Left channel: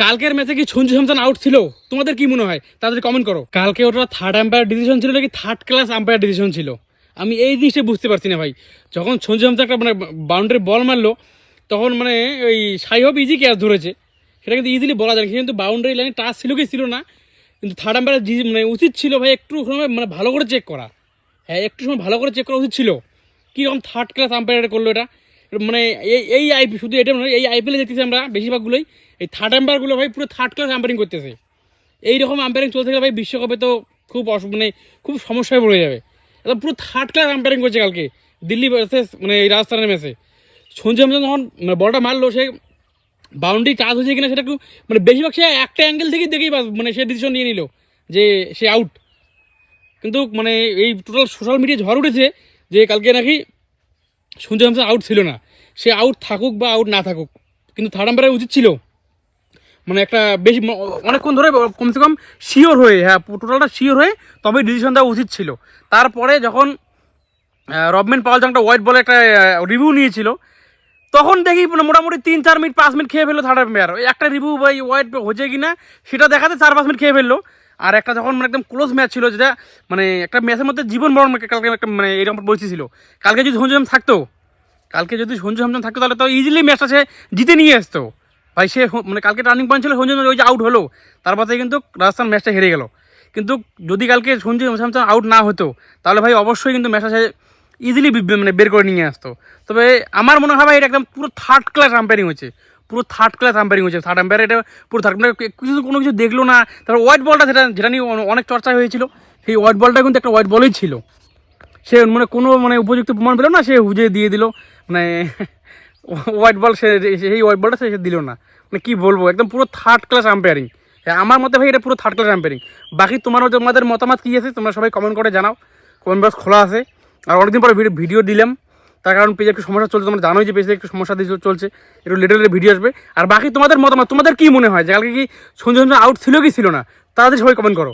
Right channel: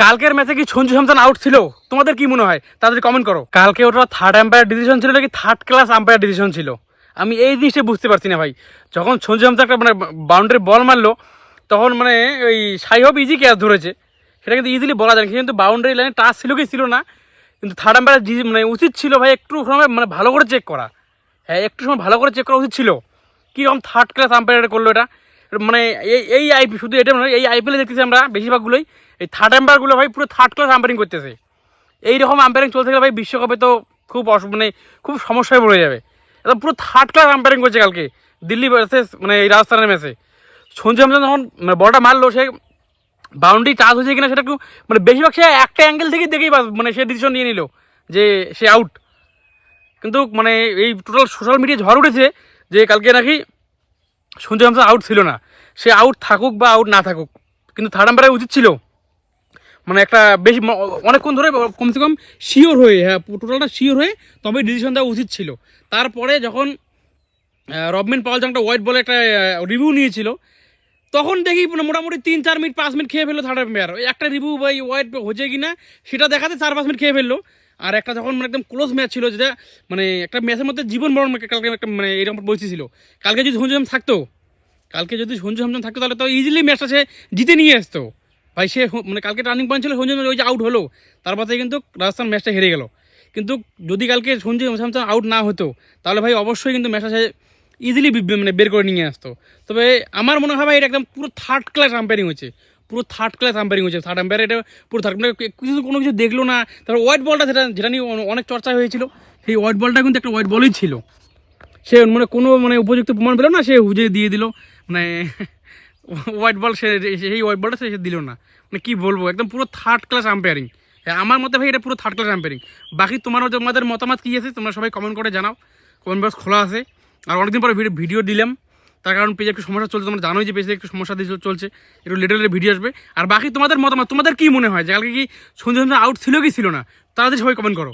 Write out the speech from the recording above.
কালকের ম্যাচে কি সঞ্জু স্যামসন আউট ছিল? তোমাদের কি মনে হয়? তাদের কমেন্ট করো। কালকে ওটা থার্ড আম্পায়ার ডিসিশন ছিল নাকি থার্ড ক্লাস আম্পায়ার ডিসিশন ছিল? আমি এই জিনিসটা বুঝতে পারছি না ভাই। যখন সঞ্জু স্যামসন একটা মানে বাউন্ডারি বল মারলো, তখন মানে ওই সাই হব ইজি ক্যাচ ধরেছে। সেটা কিন্তু ইজিলি বলা যায় কিন্তু বাউন্ডারি লাইনে টাচ ছিল কি ছিল না। কিন্তু থার্ড আম্পায়ার মানে উচিত ছিল ভাই একটু সময় মানে ভালো করে চেক করা। হ্যাঁ একটু সময় ভালো করে চেক করা উচিত ছিল। কীরকম থার্ড ক্লাস আম্পায়ার করল এটা? মানে এই এই আইপি শুধু এটা নয়, এই আইপিএলে দেখতেছি আমরা বেশিরভাগগুলোই এই থার্ড আম্পায়ারগুলো ভাই পুরো থার্ড ক্লাস আম্পায়ারিং করতেছে। এইরকম আম্পায়ারিং চলতে গেলে ভাই বিশ্বকাপে তো খুব অস- মানে খুব সমস্যায় পড়ে যাবে। একদম পুরো থার্ড ক্লাস আম্পায়ারিং করছে কালকে, দিল্লি ভার্সেস মানে এই রাজস্থানের ম্যাচে সঞ্জু স্যামসন যখন মানে বলটা মারলো, সে বাউন্ডারি চার্জ হয়েছে কিনা সেটা একটু মানে বেশিরভাগ সে একটা অ্যাঙ্গেল থেকেই দেখেই মানে সে ডিসিশন নিয়ে নিল যে সে আউট কিন্তু মানে এই টোটাল সোশ্যাল মিডিয়া ঝড় উঠেছে যে কালকে নাকি সঞ্জু স্যামসন আউট ছিল না। সে আউট থাকুক বা আউট না থাকুক, কিন্তু থার্ড আম্পায়ার উচিত ছিল। মানে একটা বেশি অনেকক্ষণ ধরে কমসে কম শিওর হয়ে হ্যাঁ টোটালটা শিওর হয়ে তবে ডিসিশন দেওয়া উচিত ছিল। তারপরে যখন রবমেন পাওয়াল যখন একটা হোয়াইট বলে একটা রিভিউ নিয়েছিল, তখন দেখি মানে মোটামুটি তিন, চার মিনিট, পাঁচ মিনিট খেয়ে ফেলল থার্ড আম্পায়ার একটা রিভিউ বা হোয়াইট হচ্ছে কি না সেটা দেখাতে চার, পাঁচ মিনিট খেয়ে ফেলল। আর একটা যখন মানে একদম ক্লোজ ম্যাচ ছিল, যেটা মানে একটা ম্যাচের মধ্যে জীবন মরণ কালকে একটা মানে এরকম পরিস্থিতি ছিল। কালকে যদি সঞ্জু স্যামসন থাকতো, কালকে যদি সঞ্জু স্যামসন থাকতো, তাহলে তো ইজিলি ম্যাচটা সে জিতে নিয়ে আসতো। ভাই, সে মানে কালকে টার্নিং পয়েন্ট ছিল সঞ্জু ওই যে আউট হলো। তারপর থেকে কিন্তু রাজস্থান ম্যাচটা হেরে গেল। কিন্তু যদি কালকে সঞ্জু স্যামসন আউট না হতো, তাহলে ভাই অবশ্যই কিন্তু ম্যাচটা সে ইজিলি মানে বের করে নিয়ে আসতো। তবে আমার মনে হয় ভাই, এটা একদম পুরো থার্ড ক্লাস আম্পায়ারিং হয়েছে। পুরো থার্ড ক্লাস আম্পায়ারিং হয়েছে। থার্ড আম্পায়ার এটা পুরো থার্ড মানে কিছু কোনো কিছু দেখল না। তারপর হোয়াইট বলটা সেটা যেটা নিয়ে অনেক চর্চা হয়েছিল। সেই হোয়াইট বলটা কিন্তু একটা হোয়াইট বলই ছিল। সে মানে কোনো মানে উপযুক্ত প্রমাণ পেল না, সে হুজে দিয়ে দিল। মানে হোয়াইট বল সে সেই হোয়াইট বলটা সে দিল না। মানে কী বলব, একদম পুরো থার্ড ক্লাস আম্পায়ারিং আমার মতে ভাই এটা পুরো থার্ড ক্লাস আম্পায়ারিং বাকি তোমারও তোমাদের মতামত কী আছে, তোমরা সবাই কমেন্ট করে জানাও। কমেন্ট বক্স খোলা আছে। আর অনেকদিন পরে ভিডিও দিলাম। তার কারণ পেজে একটু সমস্যা চলছে, তোমরা জানোই যে পেজে একটু সমস্যা দিয়ে চলছে, একটু লেটার লেটে ভিডিও আসবে। আর বাকি তোমাদের মতামত, তোমাদের কি মনে হয়? যে কালকে কি সন্ধ্যে সঞ্জু আউট ছিল কি ছিল না? তাদের সবাই কমেন্ট করো।